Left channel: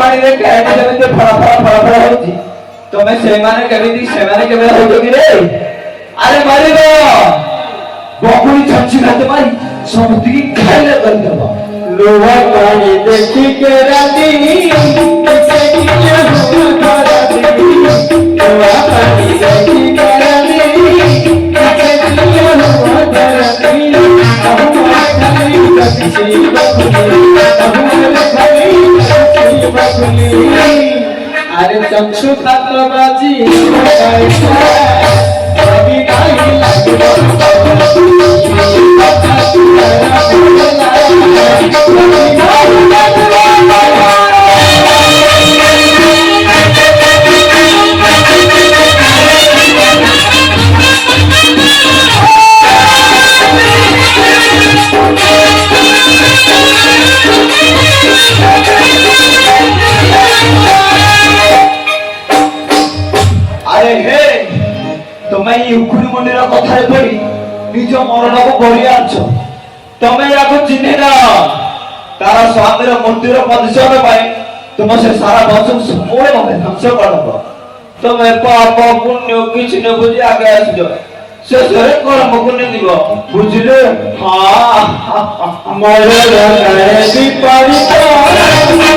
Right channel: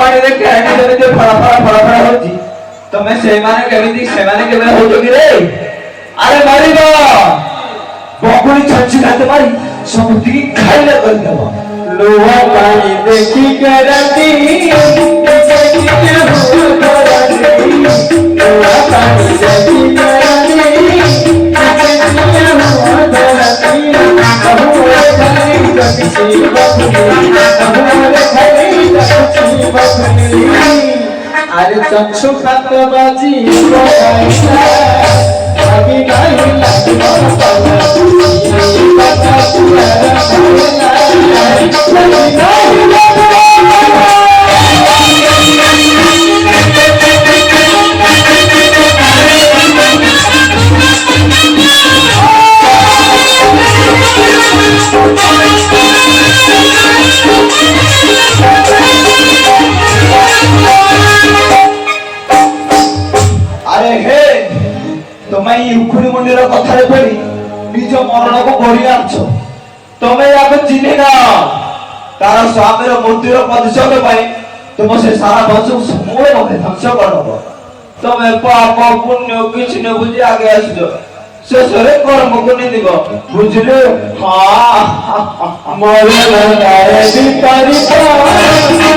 पानी रे कहनी जब जे फड़ा होची तमे सेमाने केमिति सेमाने केबे होतो कि रे अरे मालिक बकुली छच्ची खाते मारी समझती की खाइले कर देबो लोहा पानी देखी के राती देखी के हो राती लोहा पानी देखी के राती देखी के हो राती बहु खाली कभी बकुली अरे चक्षु खात बाजी कभी नहीं अरे हे तुम्हें युक्ति मंदिर कथा पड़ी निज मरण को बढ़ी आछ तुम्हें याको चिन्ह ना तारा स्वामी मूर्तिर प्रतिशोध पाई तुम से सारा वचन समूह ध्वंस करब तुम्हें पाप पुण्य किसी न बुझी आगे आसो शेषरे कर्म को नहीं दिव बुझले हाँ मोरे लगाए विपरीत